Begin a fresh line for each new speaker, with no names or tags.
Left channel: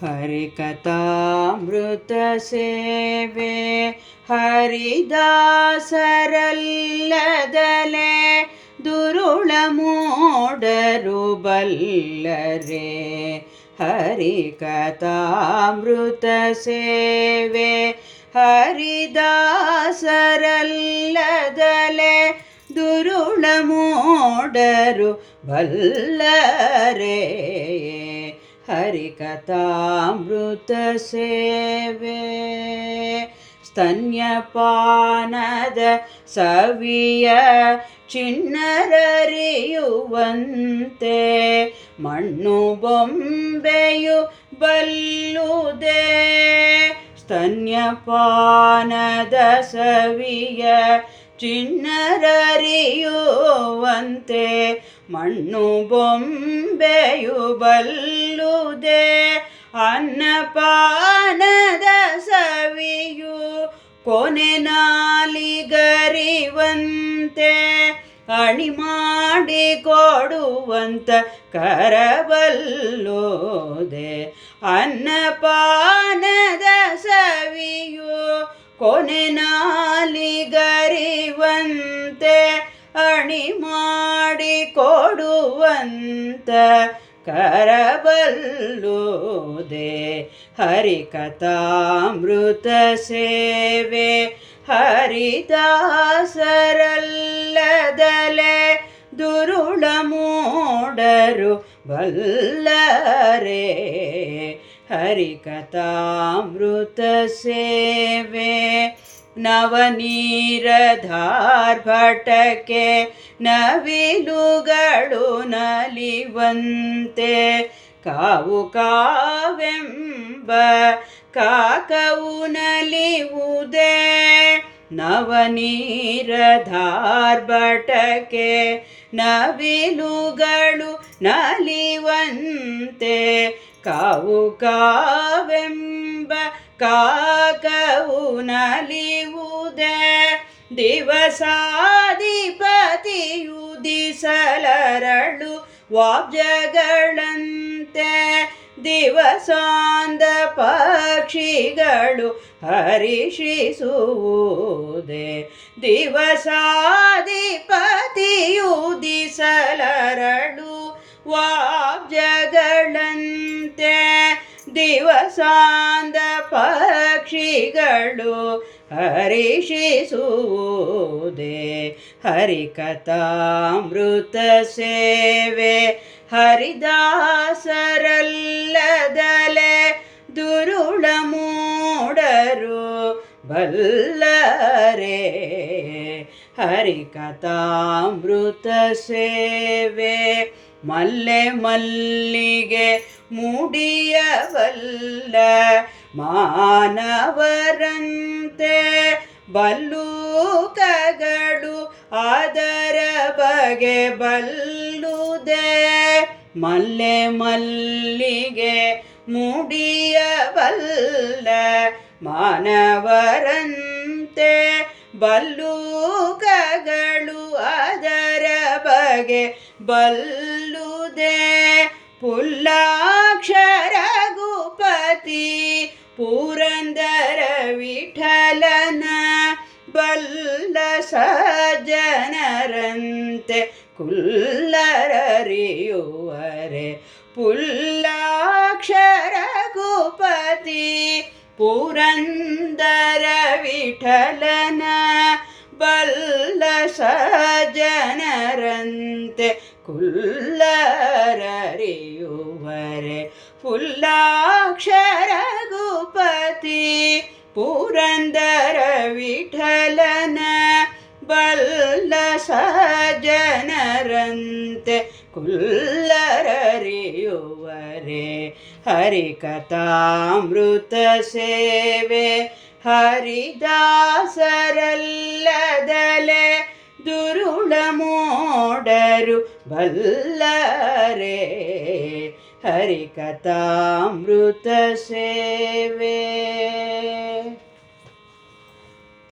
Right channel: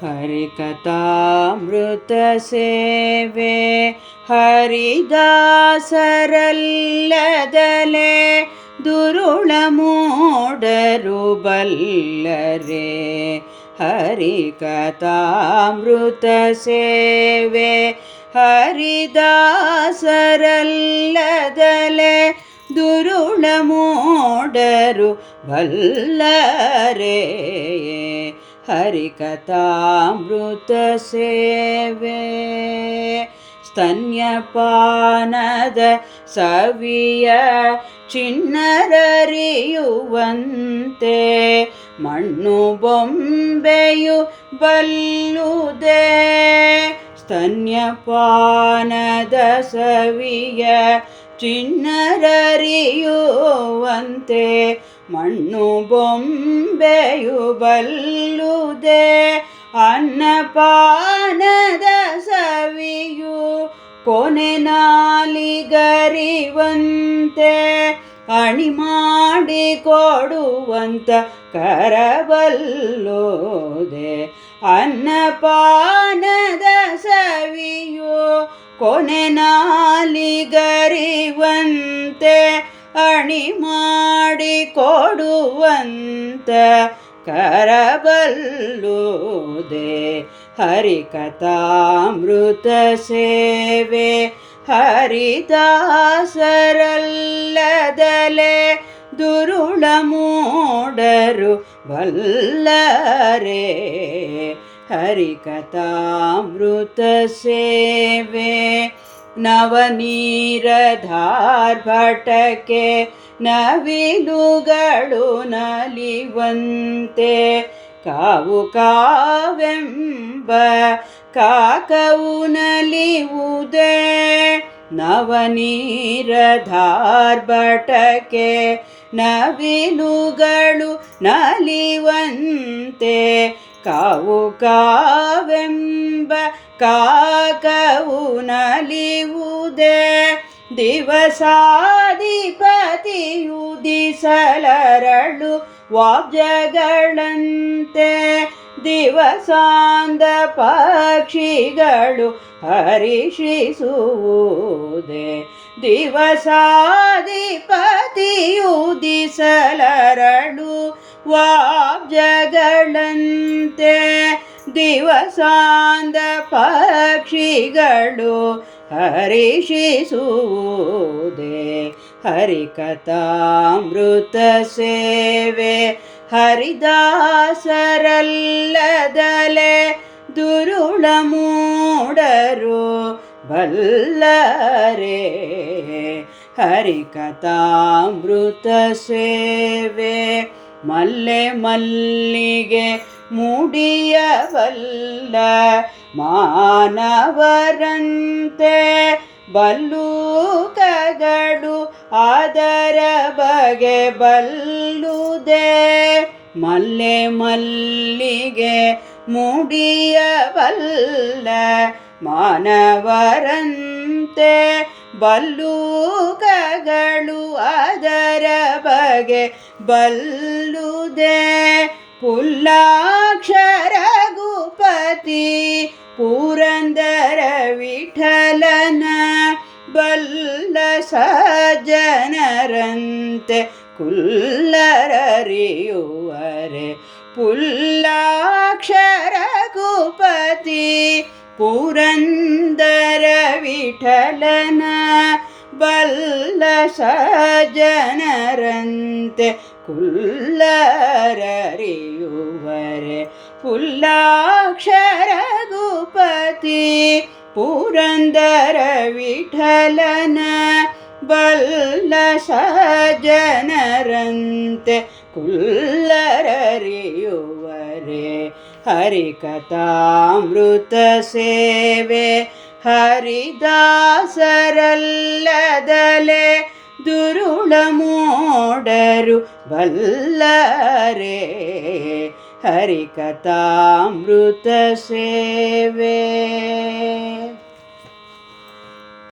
ಹರಿಕಥಾಮೃತ ಸೇವೆ ಹರಿದಾಸರಲ್ಲದಲೆ ದುರುಳ ಮೂಡರು ಬಲ್ಲರೆ ಹರಿಕಥಾಮೃತ ಸೇವೆ ಹರಿದಾಸರಲ್ಲದಲೆ ದುರುಳ ಮೂಡರು ಬಲ್ಲರೆ ಹರಿಕಥಾಮೃತ ಸೇವೆ ಸ್ತನ್ಯಪಾನದ ಸವಿಯ ಚಿನ್ನರರಿಯುವಂತೆ ಮಣ್ಣು ಬೊಂಬೆಯು ಬಲ್ಲುದೆ ಸ್ತನ್ಯಪಾನದ ಸವಿಯ ಚಿನ್ನರರಿಯುವಂತೆ ಮಣ್ಣು ಬೊಂಬೆಯು ಬಲ್ಲುದೆ, ಅನ್ನಪಾನದ ಸವಿಯು ಕೊನೆ ನಾಲಿಗರಿವಂತೆ. ಅಣಿ ಮಾಡಿ ಕೊಡುವಂತ ಕರಬಲ್ಲೋದೆ, ಅನ್ನಪಾನದ ಸವಿಯು ಕೊನೆ ನಾಲಿಗರಿವಂತೆ ಅಣಿ ಮಾಡಿ ಕೊಡುವಂತ ಕರಬಲ್ಲುದೆ ಹರಿಕಥಾಮೃತ ಸೇವೆ ಹರಿದಾಸರಲ್ಲದಲೆ ದುರುಳ ಮೂಡರು ಬಲ್ಲರೆ ಹರಿಕಥಾಮೃತ ಸೇವೆ ನವನೀರಧಾರ್ಭಟಕ್ಕೆ ನವಿಲುಗಳು ನಲಿವಂತೆ ಕಾವು ಕಾವೆಂಬ ಕಾಕವು ನಲಿವುದೇ ನವನೀರಧಾರ್ಭಟಕ್ಕೆ ನವಿಲುಗಳು ನಲಿವಂತೆ ಕಾವು ಕಾವೆಂಬ ಕಾಕವು ನಲಿವುದೇ ದಿವಸಾಧಿಪತಿಯುದಿಸಲರಳು ವಾಬ್ಜಗಳಂತೆ ದಿವಸಾಂದ ಪಕ್ಷಿಗಳು ಹರಿಷಿಸುವುದೇ. ದಿವಸಾಧಿಪತಿಯುದಿಸಲರಡು ವಾಬ್ಜಗಳಂತೆ ದಿವಸಾಂದ ಪಕ್ಷಿಗಳು ಹರಿಷಿಸುವುದೇ. ಹರಿಕಥಾಮೃತ ಸೇವೆ ಹರಿದಾಸರಲ್ಲದಲೆ ದುರುಳ ಮೂಡರು ಬಲ್ಲರೆ ಹರಿಕಥಾಮೃತ ಸೇವೆ ಮಲ್ಲೆ ಮಲ್ಲಿಗೆ ಮುಡಿಯವಲ್ಲ ಮಾನವರಂತೆ ಬಲ್ಲೂಕಗಳು ಅದರ ಬಗೆ ಬಲ್ಲುದೆ. ಮಲ್ಲೆ ಮಲ್ಲಿಗೆ ಮುಡಿಯವಲ್ಲ ಮಾನವರಂತೆ. ಬಲ್ಲೂಕಗಳು ಅದರ ಬಗೆ ಬಲ್ಲುದೆ. ಪುಲ್ಲಾಕ್ಷರ ಗುಪತಿ ಪುರಂದರ ವಿಠಲನ ಬಲ್ಲ ಸಜ್ಜನರಂತೆ ಕುಲ್ಲರರಿಯುವರೆ. ಪುಲ್ಲಾಕ್ಷರ ಕುಪತಿ ಪುರಂದರ ವಿಠಲನ ಬಲ್ಲ ಸಜನರಂತೆ ಕುಲ್ಲರರಿಯುವರೆ. ಪುಲ್ಲಾಕ್ಷರ ಗುಪತಿ ಪುರಂದರ ವಿಠಲನ ಬಲ್ಲ ಸಜ್ಜನರಂತೆ ಕುಲ್ಲರರಿಯುವರೆ ಹರಿಕಥಾಮೃತ ಸೇವೆ ಹರಿದಾಸರಲ್ಲದಲೆ ದುರುಳ ಮೋಡರು ಬಲ್ಲರೆ ಹರಿಕಥಾಮೃತ ಸೇವೆ